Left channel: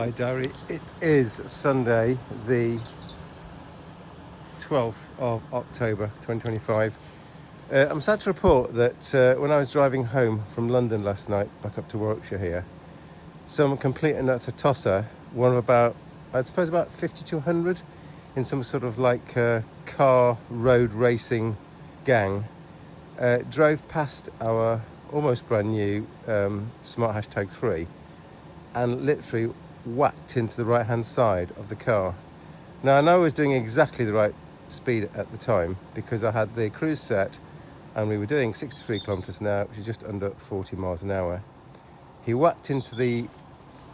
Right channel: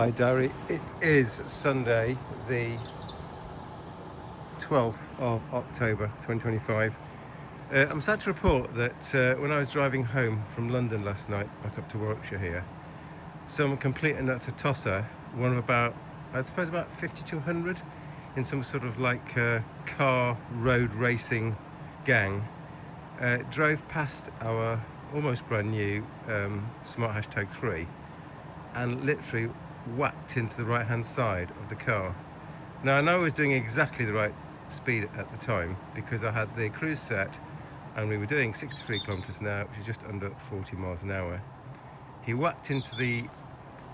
Hi Diary, it is Sunday the 12th of October 2025. I'm sad to report that when I was driving home from London last night back up to Warwickshire here, some complete and utter tosser, one of about, I'd suppose about 50 to 100 in some sort of like car road racing gang, drove past our almost brand new Smart #3 and literally whacked into the right hand side of the car. Now I know I was doing exactly the right speed at the time because I had the cruise set and we were doing 63 kilometers an hour, which is just under 40 miles an hour. He whacked into the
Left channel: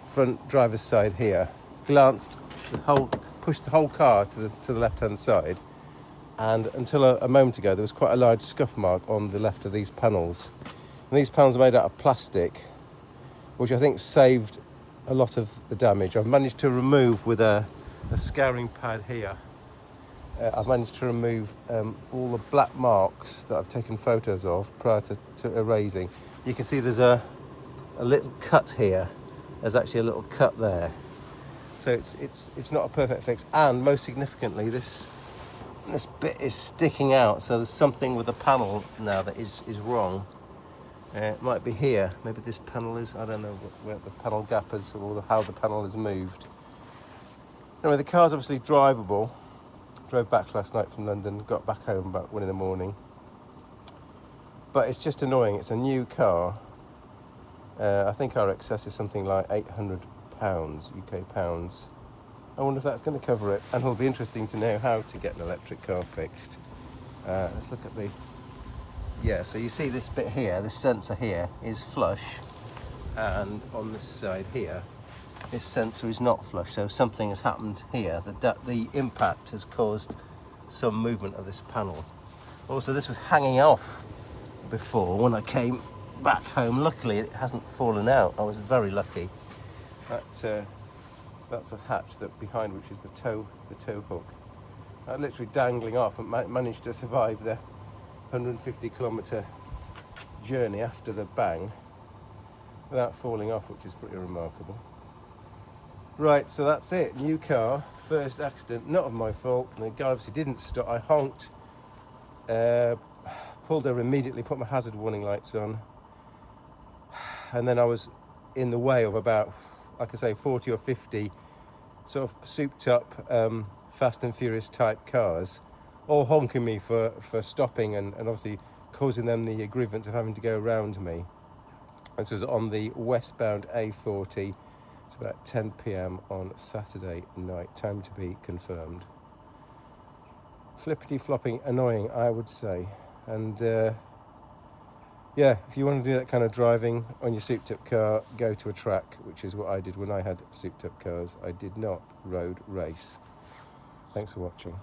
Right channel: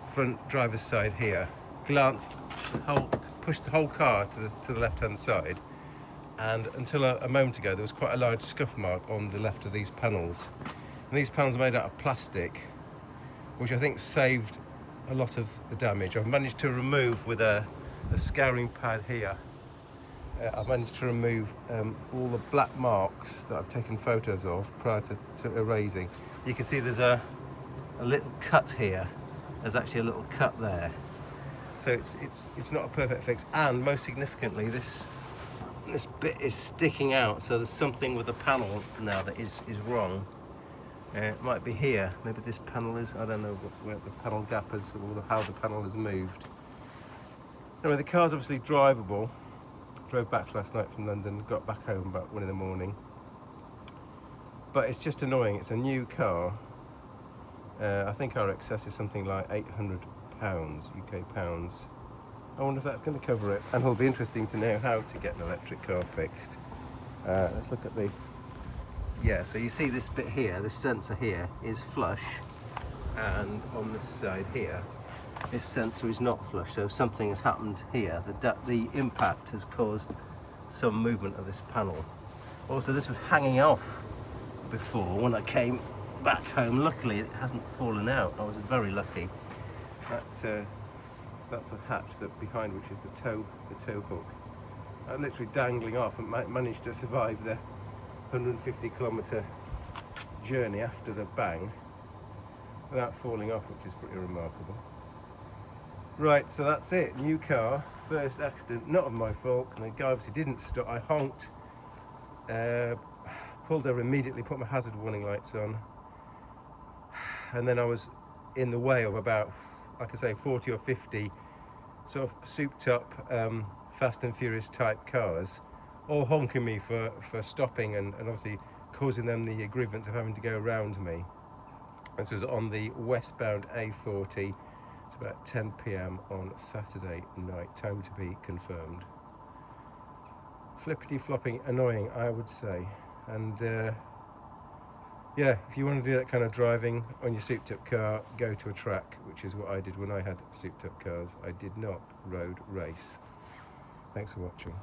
front driver's side here, glanced pushed the whole car to the left hand side, and until a moment ago there was quite a large scuff mark on the left of these panels. And these panels are made out of plastic, which I think saved a lot of the damage. I've managed to remove with a scouring pad here. I've managed to remove all the black marks that I've taken photos of prior to erasing. You can see there's a little cut here. There's actually a little cut there. So it's not a perfect fix. And most significantly, this bit is sticking out. So there's something with the panel now that is wrong. It might be here. Maybe this panel is. I don't know where the panel gap is or how the panel has moved. Anyway, the car's obviously drivable. Drove back last night from London. Got back home about 1 in the morning. But it's just annoying. It's a new car. I think our excess is something like £800 UK pounds. I wonder if that's going to cover it. And it'll be interesting to know how to get an electric car fixed. Let's look at the. Yeah, so you see this bit here, this sensor here is flush, and on this side here, this sensor is not flush, so something has happened here. The impact has caused some movement of this panel. Also, this was hanging off before when I came back home. Luckily, it hasn't fallen out. I was very lucky. That's a hatch behind which is the tow hook. Literally dangling off and managed to survive the 150 kilometre journey after the bang without falling off, which is pretty remarkable. Right, so that's it. New car, first accident, not of my fault. And the guy obviously didn't stop. I honked, pulled over immediately, put my hazard warning lights on, and then I was in the way of about, like I say, 40 or 50 sort of souped up Fast and Furious type cars, all honking me for stopping and obviously causing them the grievance of having to go around me. This was on the westbound A40. It's about 10 p.m. on Saturday night, time to be confirmed. Flippity flopping annoying, I would say. And yeah, if you want to do that kind of driving on your souped up car, go to a track, which is what I did when I had souped up cars. I did not road race. Thanks for watching.